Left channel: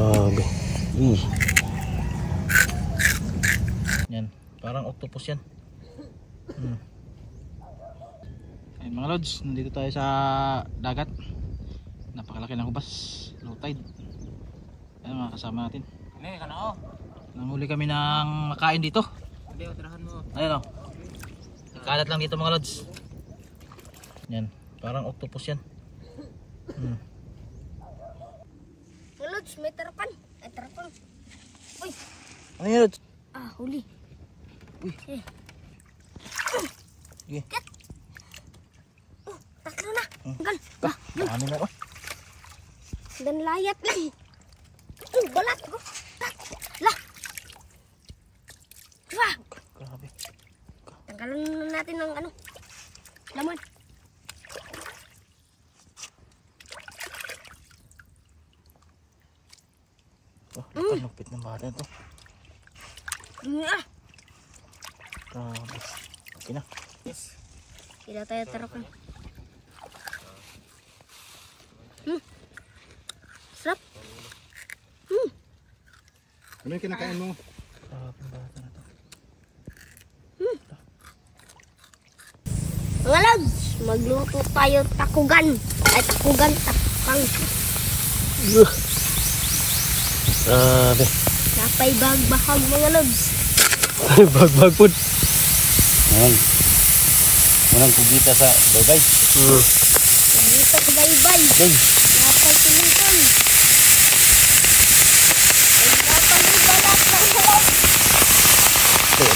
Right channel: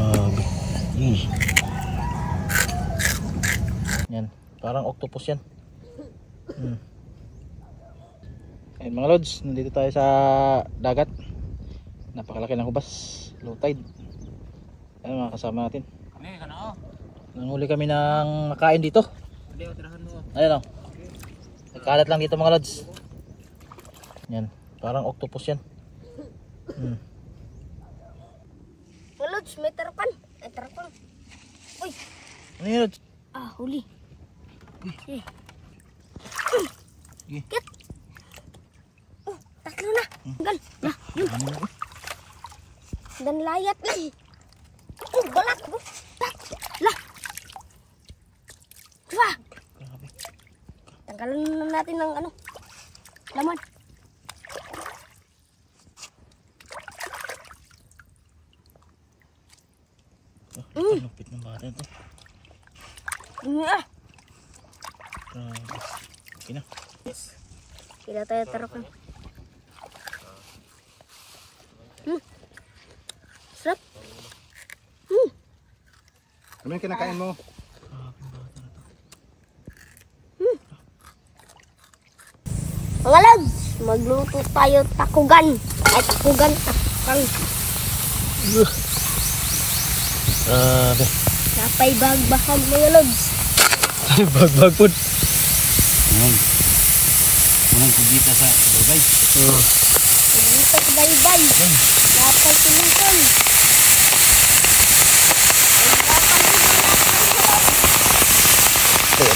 Grabe. Yan, parang octopus yan. Ayun mga lods, nandito tayo sa dagat. Napakalaki ng hubas, low tide. Ayun mga kasama natin. Nanghuli kami ng makain dito. Ayun o, nagkalat lang dito mga lods. Yan, parang octopus yan. Mga lods, may tarapan. Ay, tarapan. Uy, Ano yun lods? huli. Sige. Kit. Tatlo na. Gan. Ano mo ka? Dan layat lang. Balat ko. Lah. Wah. Grabe. Tanggalan na natin ng ano. Laman. Lupit ng bata ito. Dumi ah. Grabe. Okay na. Yes. Sila tayo tarapan. Sarap. Ano yung kinakain mo? Mga lods, magluto tayo takugan. Ay, takugan, takang. Grabe. Napay bagbahag mga lods. Bagbag po. Ayan. Walang kugita sa baybay. Dito baybay. Napay tulisan.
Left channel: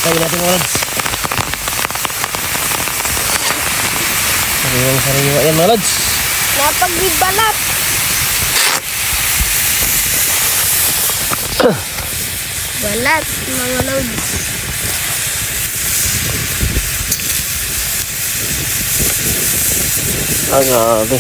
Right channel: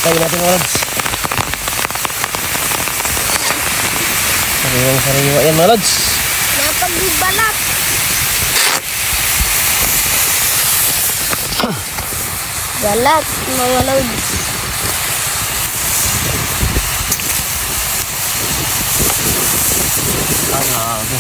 Tayo natin mga lods. Sariwa yan mga lods. Napagbibalat. Balat mga lods. Grabe.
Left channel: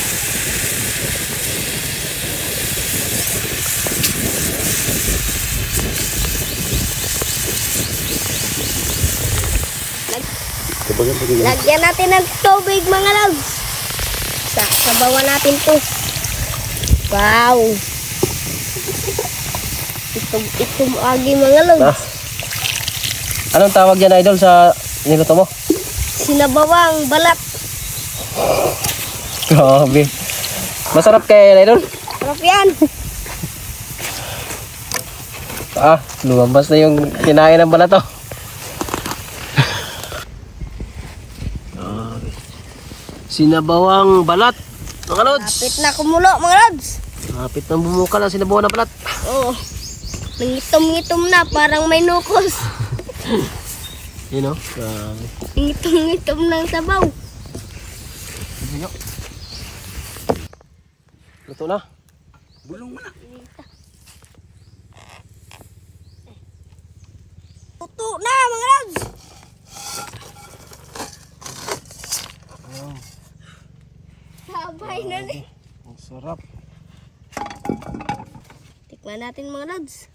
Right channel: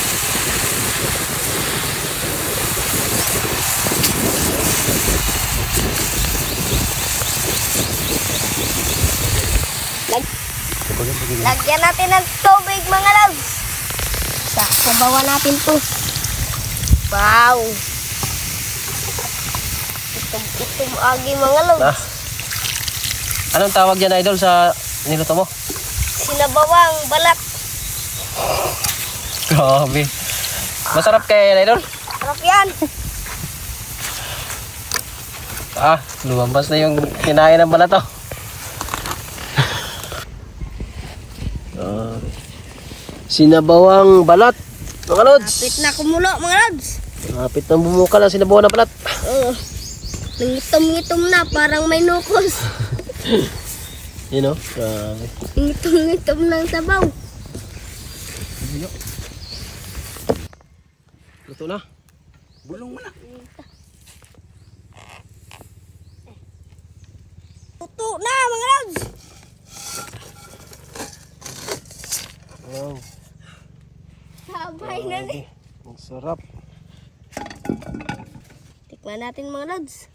Lagyan natin ng tubig mga lods. Sasabawan natin to. Wow. Itom agi mga lods. Anong tawag yan idol sa niluto mo? Sinabawang balat. Grabe. Masarap kaya yan idol? Sarap yan. Lumabas na yung kinain ng balat to. Sinabawang balat mga lods. Lapit na kumulo mga lods. Lapit na bumukal ang sinabawang na balat. Oo. Nangitom-ngitom na parang may nukos. You know? Grabe. Ngitom-ngitom ng sabaw. Luto na. Bulong mo na. Tuto na mga lods. Wow. Sabay na rin. Ang sarap. Tikman natin mga lods.